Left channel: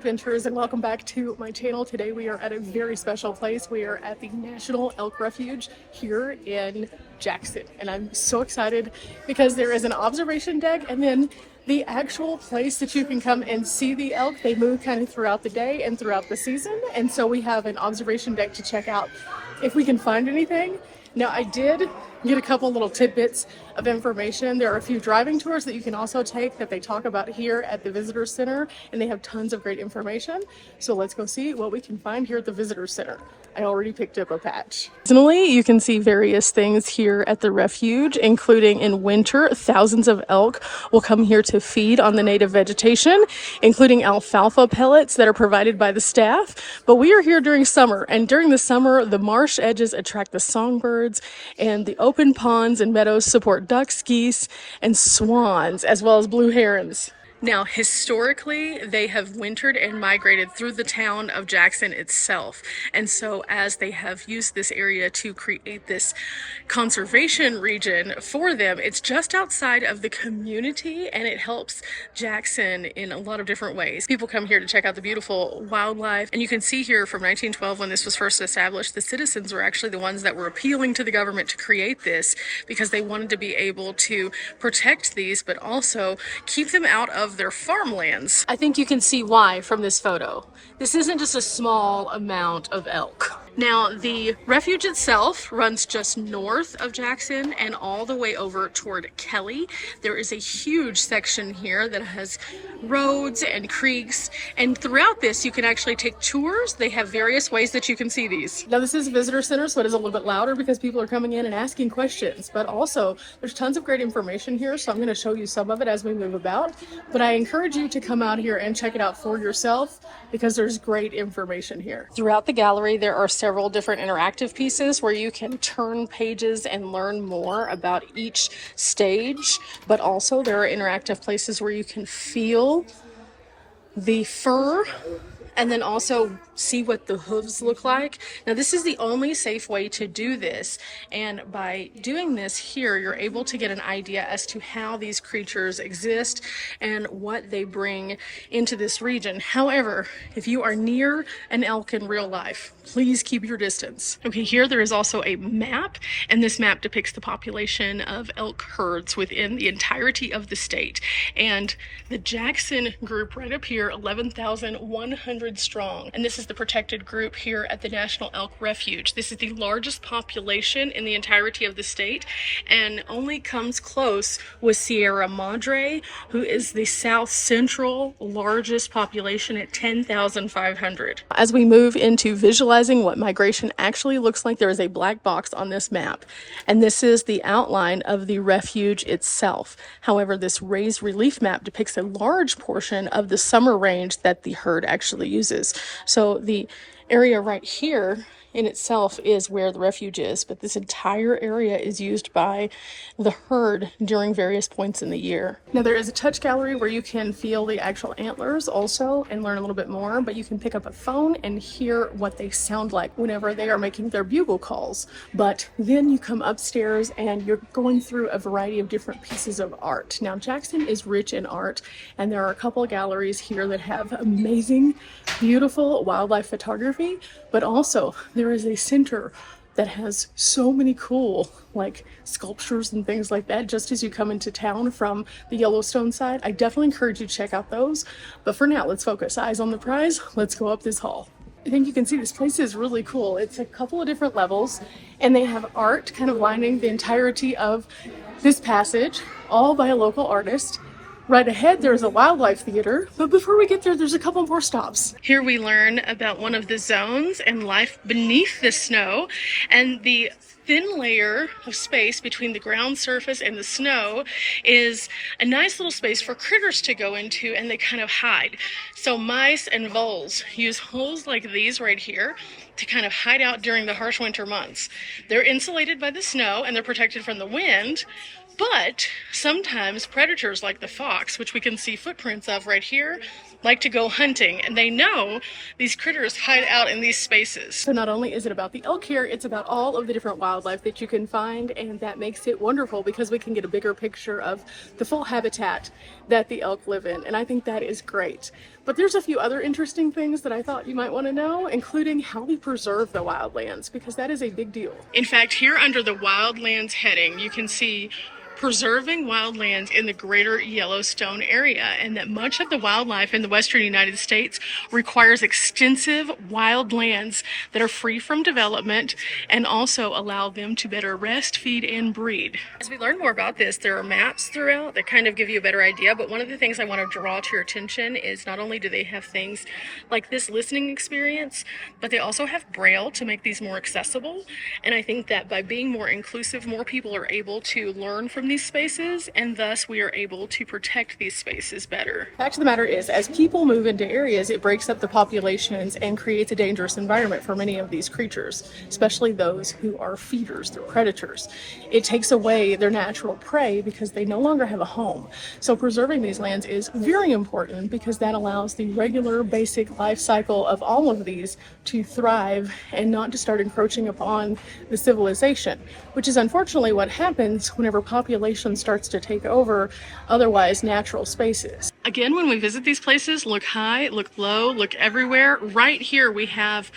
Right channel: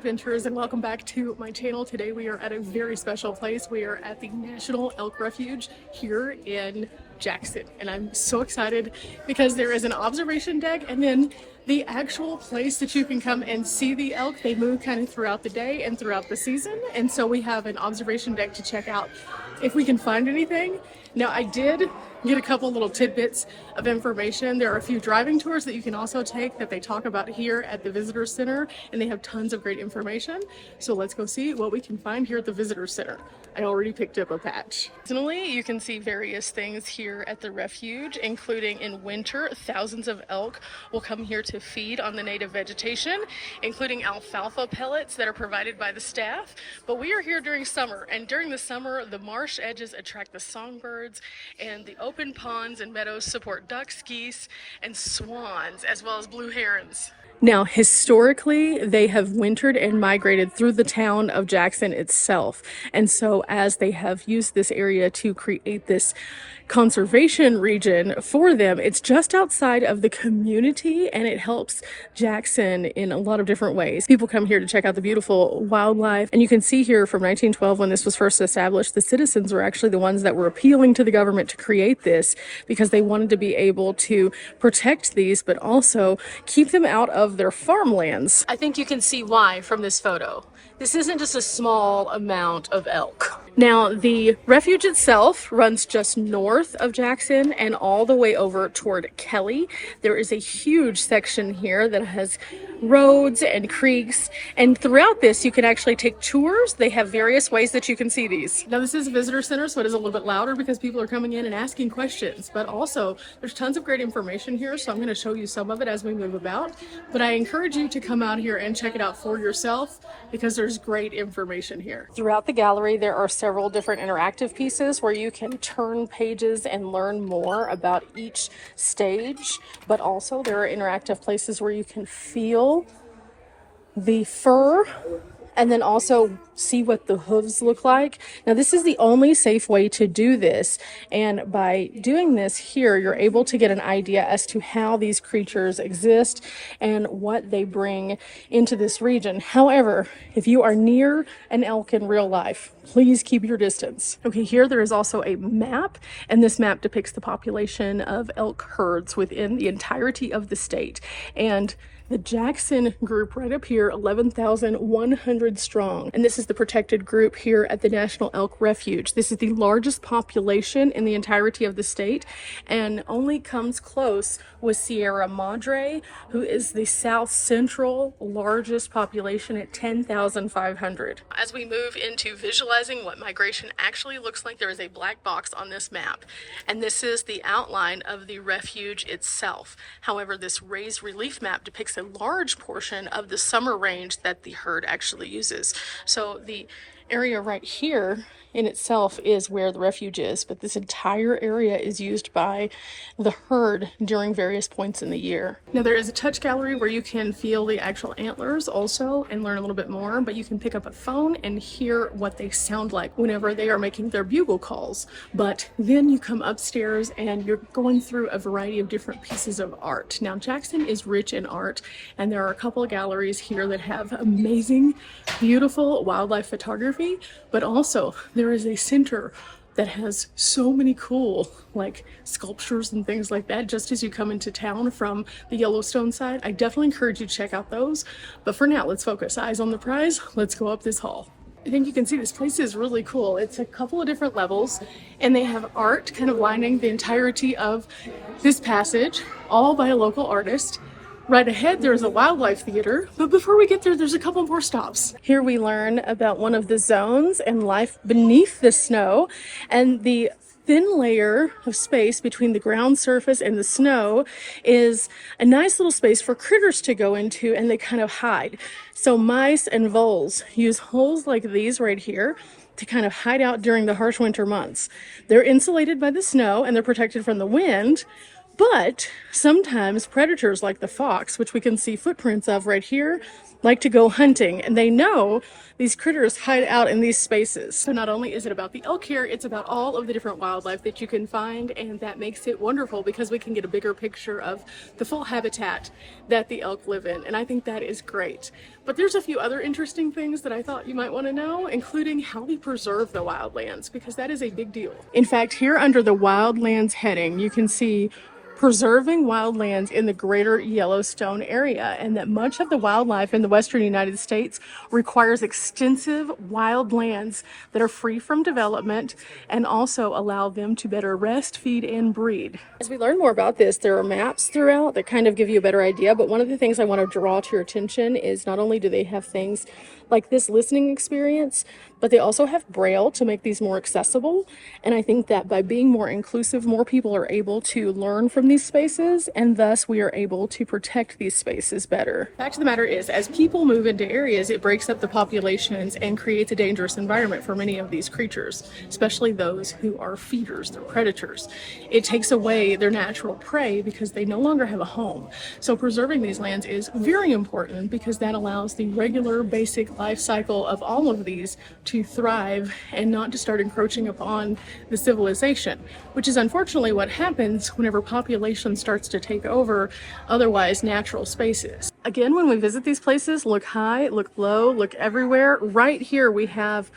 adventurers, and welcome back to my channel. Today we are at a very special place. We are at the National Elk Refuge here in Jackson, and I'm so excited because there is an observation deck and then the actual place that you can come and see the elk. They move kind of throughout the day and throughout the season, and so we have an observation deck to check out if we can find anything. Now, I did get a couple little tidbits of information. There are a few driving tours that you can also take that they talk about here at the visitor center, and they have tons of great information. So let's go see what we can find here at the visitor center. I already picked up a patch. Seasonally, you can see various things here at the refuge, including in winter, thousands of elk will come here to feed on the native vegetation, including alfalfa pellets that are provided by the staff. But we are here during summer, and during the summer, the marsh edges attract the songbirds, and the open ponds and meadows support ducks, geese, and swans, as well as blue herons. Now, historically, they have wintered and migrated through the town of Jackson itself. And so as they have used this area to create this conservation region for them, it's just outside of the community, and it helps Jackson in a lot of different ways. People come here to check out the beautiful wildlife. And you can see here from 1912, when this was first established, the citizens were actually the ones that were appealing to the government to create this because they wanted to be able to protect these, but also keep them out of their farmlands. I think you can see why from this photo. This isn't just a small amount of elk. Now, the refuge itself runs just north of Jackson and all the way over toward Kelly. There is a huge section here that has roads and creeks, and throughout this you can actually take tours. They have various ways that you can see these. Now, this is a visitor center, so it is a little bit louder because people are coming in and asking questions, but also there's tons of great information here, so I'm going to show you some of it as we move about. But I encourage you to come out here and check it out for yourself because there's great information here. Throughout the gallery there are several different interactive pieces where you can turn pages and learn more about each stage, but also there are interactive places where you can feel the fur and then also see what the hooves look like. Now, this is the only safe way to do this, and by doing this here, you're able to get an idea as to how these creatures exist and what they bring into this region. However, if you are near an elk in real life, please keep your distance. Okay, here there is also a map, and this map depicts the population of elk herds within the entirety of the state. And the Jackson group right up here, 11,100 strong. And this is the protected group here at the National Elk Refuge. This is the largest population in the entirety of the state, and only comes close with Sierra Madre, who is the south central largest population at 10,500. As we move into visualizing what migration actually looks like, there is a black box on this map, and this is the outline of the refuge itself. However, this raised relief map depicts a large portion of the summer range that the herd actually uses. So the area right here in itself is where the refuge is, but this entire area is used by the herd during various points in the year. Now, there is a touch gallery where you can feel the actual antlers also and learn a little bit more, but you can pick up a phone and hear what they sound like whenever they are making their bugle calls. But then you come upstairs and you're going through a variety of different pieces of art. Now, Jackson is rich in art, and there are a couple of galleries here that have amazing, beautiful wildlife photography, but also there is a center that has so many cool sculptures and things like that just as you come into town from the Yellowstone side. I definitely encourage you to check out those. But for now, let's focus. Eyes on the prize. Let's go up this hall. I think you can see this place is really cool. It's a couple of different levels, and they have art kind of lining the entirety of this passage, all by a local artist. Right ahead, there's a wildlife theater, but before we get there, there's a couple more stops. Here we learn about one of the zones and life beneath the snow, and the thin layer of space between the ground surface and the snow is a nice little space for critters to go into, and they kind of hide. So mice and voles use holes like these right here to kind of hide out during the harsh winter months. They're insulated by the snow and they're protected from the wind, but sometimes predators like the fox, which we can see footprints of right here, like to go hunting, and they know these critters hide out in these spaces. So not only is it about the elk here, it's about all of the different wildlife that you can find, and that makes it wonderful because we can get a bigger picture of the full habitat that the elk live in, and I think that is great. But there's a few other interesting things that I thought you might want to know, including how we preserve the wildlands, because that is a big deal. In fact, here under the wildlands heading, you can see preserving wildlands in the greater Yellowstone area, and that much of the wildlife in the western United States requires extensive wildlands that are free from development and also allow them to better rest, feed, and breed. As we learn more about this, there are maps throughout that kind of give you a better idea, but one of the things I want to draw to your attention is not only do they have things like this listening experience, but they also have Braille to make these more accessible, and I think that by being more inclusive, more people are able to learn from these spaces, and thus we are able to protect these spaces better. Fact of the matter is, as people move into areas, it breaks up the populations and creates a dangerous environment for many of these creatures, especially those who are feeders, they're predators. It takes away their natural prey because they no longer have a home. So preserving these lands is very important because that allows the regular basic life cycle of all of these to thrive and not to start encroaching upon the civilization, which is unfortunately what happens whenever population starts to take over otherwise natural spaces. Again, when we visit these places, look high, look low, look everywhere. Right here we have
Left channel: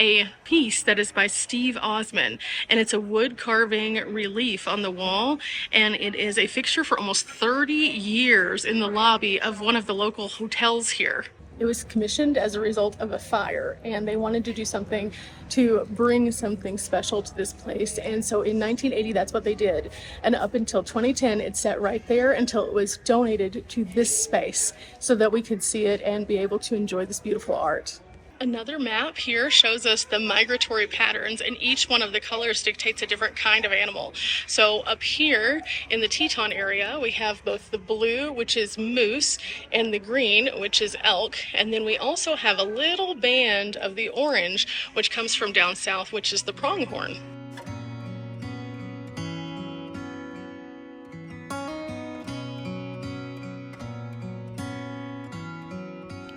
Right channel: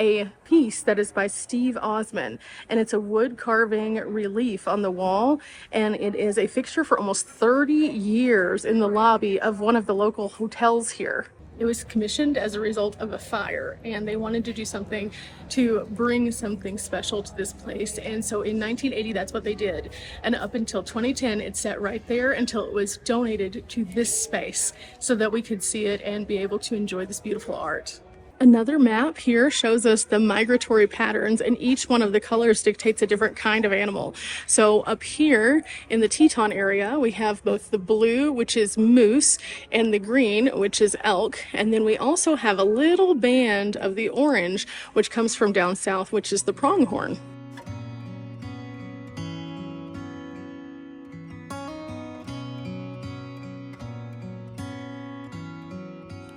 a piece that is by Steve Osman, and it's a wood carving relief on the wall, and it is a fixture for almost 30 years in the lobby of one of the local hotels here. It was commissioned as a result of a fire, and they wanted to do something to bring something special to this place. And so in 1980, that's what they did. And up until 2010, it sat right there until it was donated to this space so that we could see it and be able to enjoy this beautiful art. Another map here shows us the migratory patterns, and each one of the colors dictates a different kind of animal. So up here in the Teton area, we have both the blue, which is moose, and the green, which is elk. And then we also have a little band of the orange, which comes from down south, which is the pronghorn.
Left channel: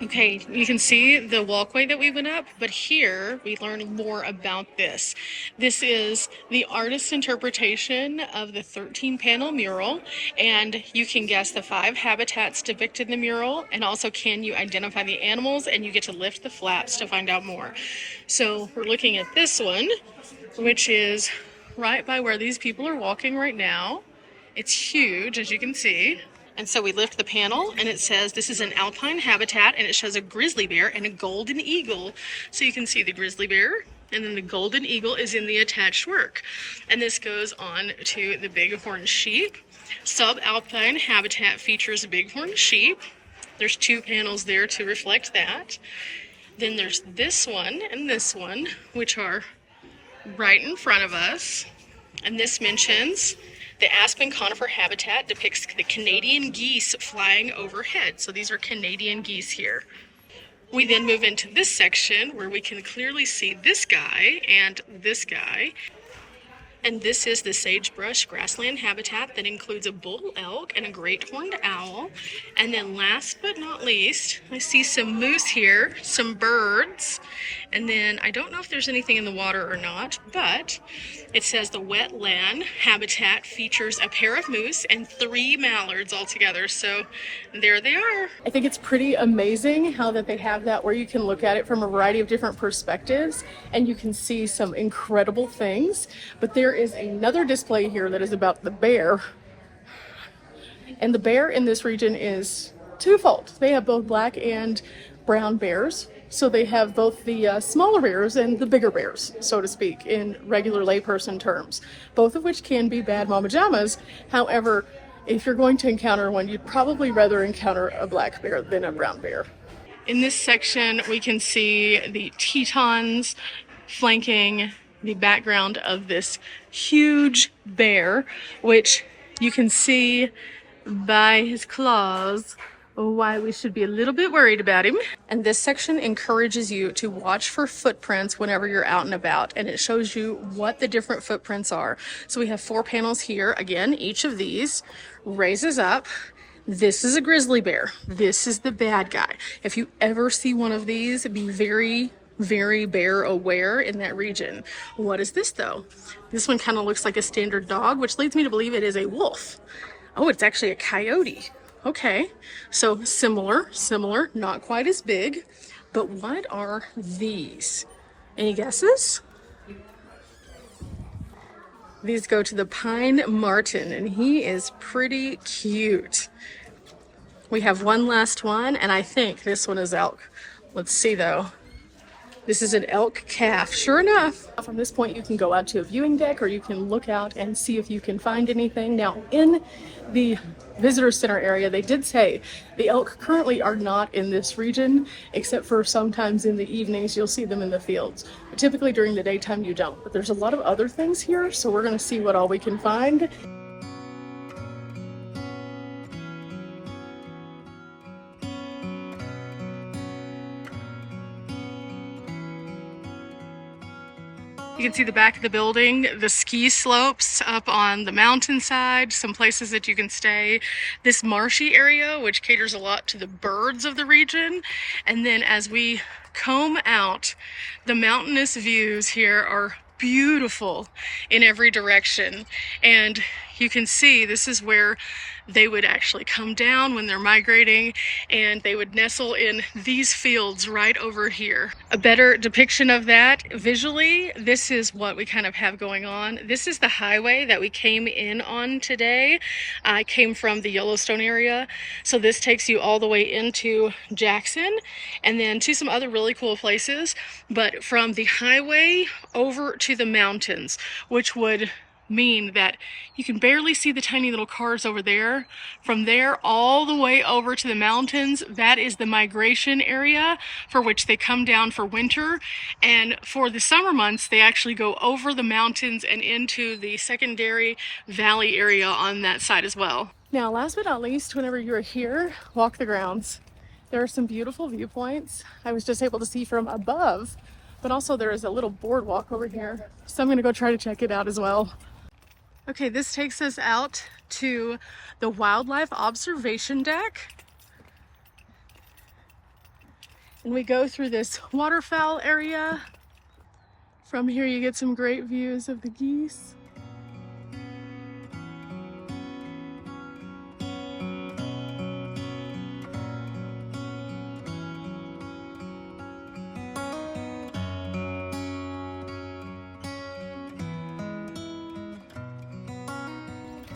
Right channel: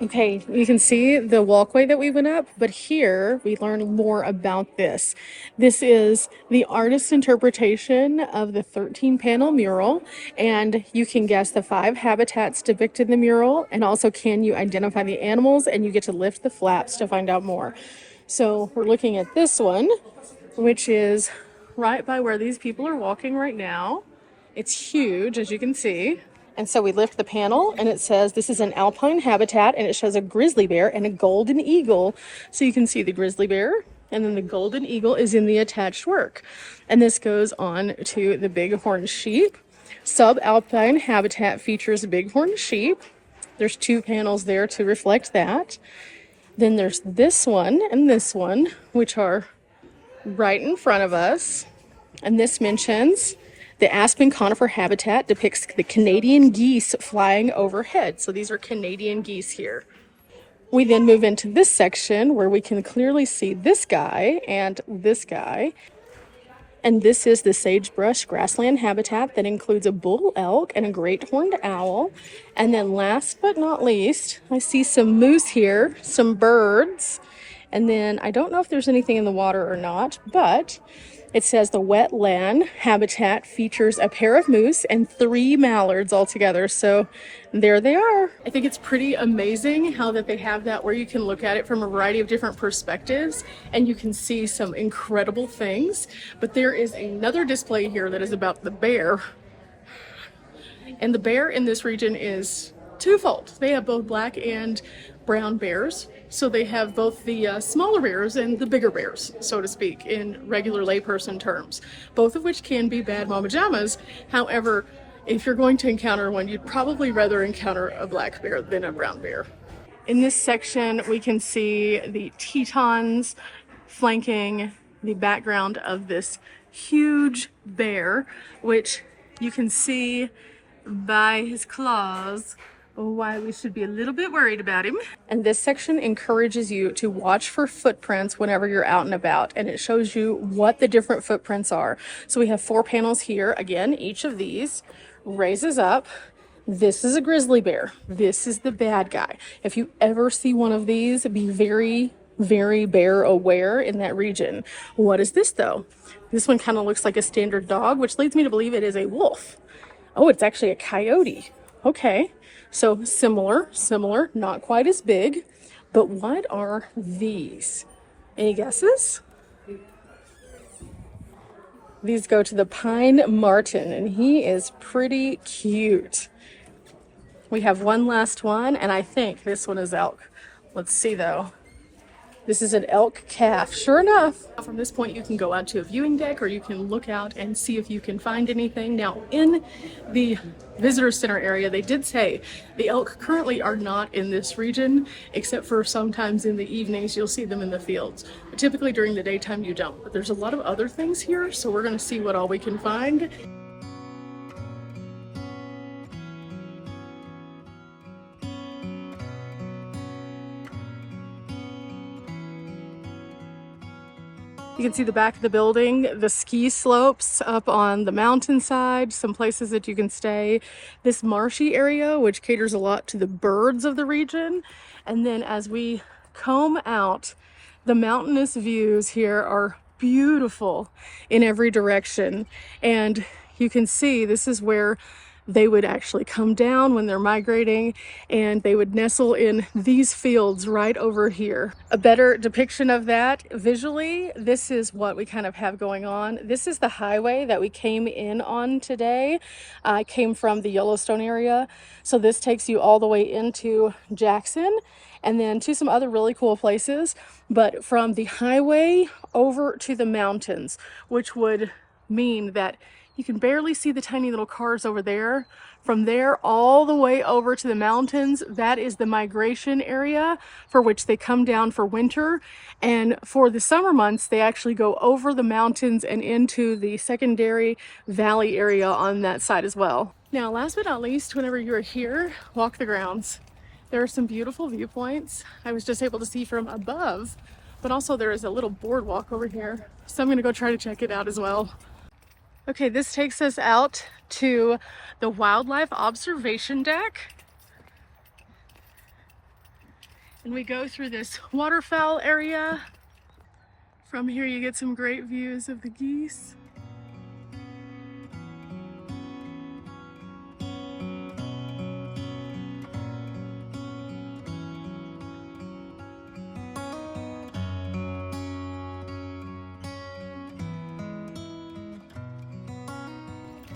Okay, you can see the walkway that we went up, but here we learn more about this. This is the artist's interpretation of the 13-panel mural, and you can guess the 5 habitats depicted in the mural, and also can you identify the animals, and you get to lift the flaps to find out more. So we're looking at this one, which is right by where these people are walking right now. It's huge, as you can see. And so we lift the panel, and it says this is an alpine habitat, and it shows a grizzly bear and a golden eagle. So you can see the grizzly bear, and then the golden eagle is in the attached work. And this goes on to the bighorn sheep. Subalpine habitat features bighorn sheep. There's 2 panels there to reflect that. Then there's this one and this one, which are right in front of us. And this mentions the aspen conifer habitat depicts the Canadian geese flying overhead. So these are Canadian geese here. We then move into this section where we can clearly see this guy and this guy. And this is the sagebrush grassland habitat that includes a bull elk and a great horned owl. And then last but not least, I see some moose here, some birds. And then I don't know if there's anything in the water or not, but it says the wetland habitat features a pair of moose and 3 mallards altogether. So there they are. I think it's pretty amazing how that they have that where you can look at it from a variety of different perspectives and you can see some incredible things. But there is another display here that is about the bear. And the bear in this region is twofold. They have both black and brown bears. So they have both the smaller bears and the bigger bears, so to speak, in regular layperson terms, both of which can be bad mama jammas. However, if you're going to encounter one, you'd probably rather encounter a black bear than a brown bear. In this section, we can see the Tetons flanking the background of this huge bear, which you can see by his claws why we should be a little bit worried about him. And this section encourages you to watch for footprints whenever you're out and about, and it shows you what the different footprints are. So we have 4 panels here. Again, each of these raises up. This is a grizzly bear. This is the bad guy. If you ever see one of these, be very, very bear aware in that region. What is this though? This one kind of looks like a standard dog, which leads me to believe it is a wolf. Oh, it's actually a coyote. Okay, so similar, not quite as big, but what are these? Any guesses? These go to the pine marten, and he is pretty cute. We have one last one, and I think this one is elk. Let's see though. This is an elk calf, sure enough. From this point, you can go out to a viewing deck, or you can look out and see if you can find anything. Now, in the visitor center area, they did say the elk currently are not in this region, except for sometimes in the evenings you'll see them in the fields. But typically during the daytime you don't. But there's a lot of other things here, so we're gonna see what all we can find. You can see the back of the building, the ski slopes up on the mountainside, some places that you can stay, this marshy area, which caters a lot to the birds of the region. And then as we comb out, the mountainous views here are beautiful in every direction. And you can see this is where they would actually come down when they're migrating, and they would nestle in these fields right over here. A better depiction of that visually, this is what we kind of have going on. This is the highway that we came in on today. I came from the Yellowstone area, so this takes you all the way into Jackson and then to some other really cool places, but from the highway over to the mountains, which would mean that you can barely see the tiny little cars over there. From there all the way over to the mountains, that is the migration area for which they come down for winter. And for the summer months, they actually go over the mountains and into the secondary valley area on that side as well. Now, last but not least, whenever you're here, walk the grounds. There are some beautiful viewpoints. I was just able to see from above, but also there is a little boardwalk over here. So I'm gonna go try to check it out as well. Okay, this takes us out to the wildlife observation deck. And we go through this waterfowl area. From here you get some great views of the geese.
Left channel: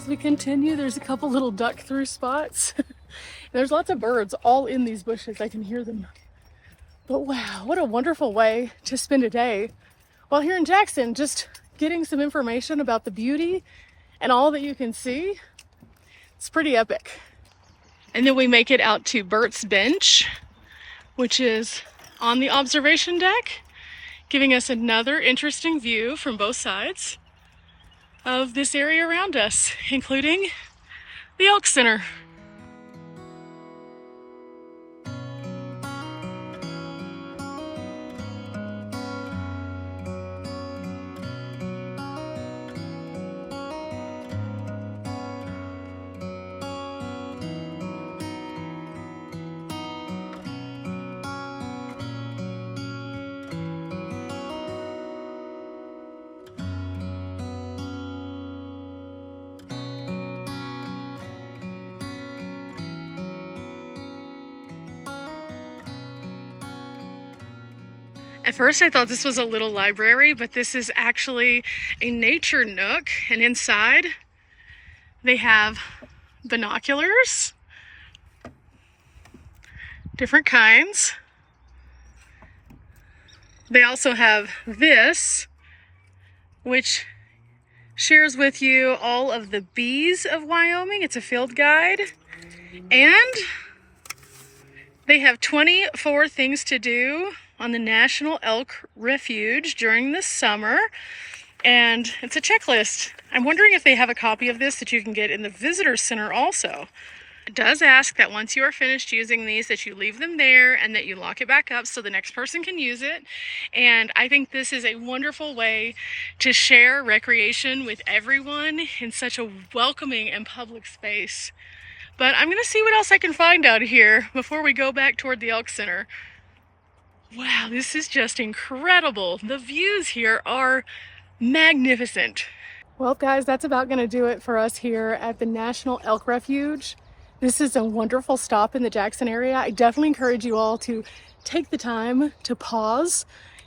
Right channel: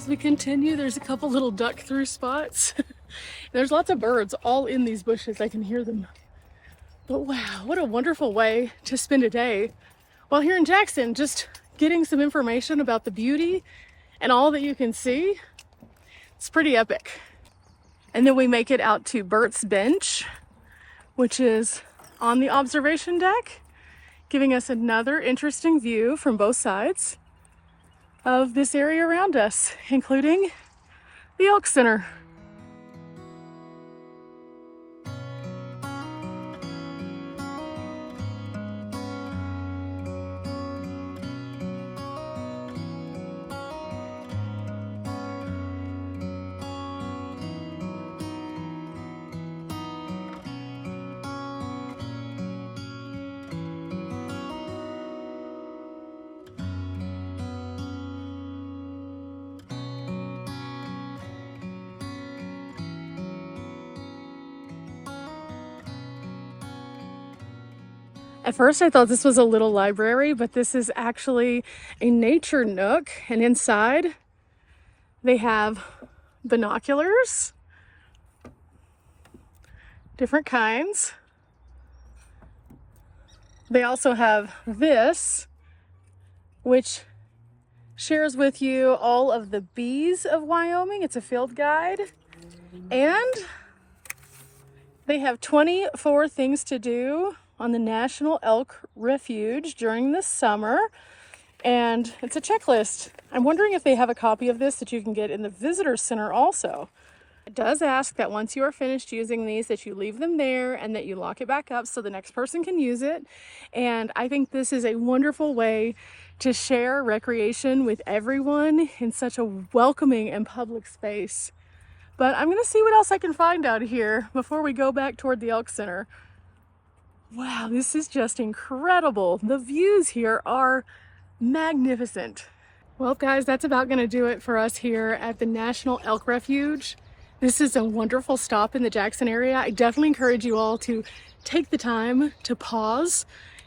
We continue, there's a couple little duck through spots. There's lots of birds all in these bushes, I can hear them. But wow, what a wonderful way to spend a day while here in Jackson, just getting some information about the beauty and all that you can see. It's pretty epic. And then we make it out to Bert's Bench, which is on the observation deck, giving us another interesting view from both sides of this area around us, including the Elk Center. At first I thought this was a little library, but this is actually a nature nook, and inside they have binoculars, different kinds. They also have this, which shares with you all of the bees of Wyoming. It's a field guide. And they have 24 things to do on the National Elk Refuge during the summer. And it's a checklist. I'm wondering if they have a copy of this that you can get in the visitor center also. It does ask that once you are finished using these, that you leave them there and that you lock it back up so the next person can use it. And I think this is a wonderful way to share recreation with everyone in such a welcoming and public space. But I'm gonna see what else I can find out here before we go back toward the Elk Center. Wow, this is just incredible. The views here are magnificent. Well, guys, that's about going to do it for us here at the National Elk Refuge. This is a wonderful stop in the Jackson area. I definitely encourage you all to take the time to pause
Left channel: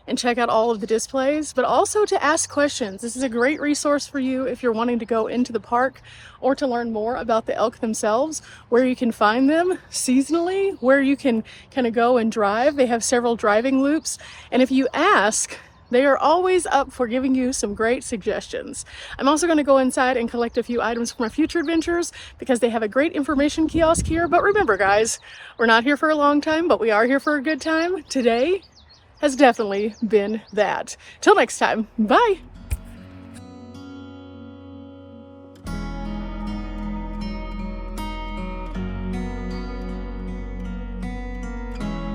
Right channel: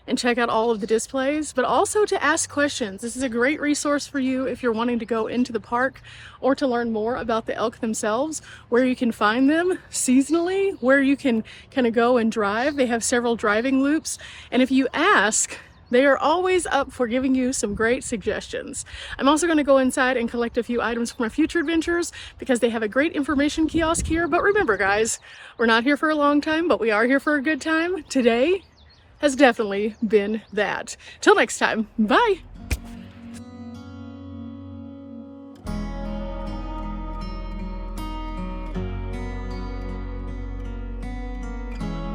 and check out all of the displays, but also to ask questions. This is a great resource for you if you're wanting to go into the park or to learn more about the elk themselves, where you can find them seasonally, where you can kind of go and drive. They have several driving loops, and if you ask, they are always up for giving you some great suggestions. I'm also going to go inside and collect a few items for my future adventures because they have a great information kiosk here. But remember, guys, we're not here for a long time, but we are here for a good time. Today has definitely been that. Till next time, bye.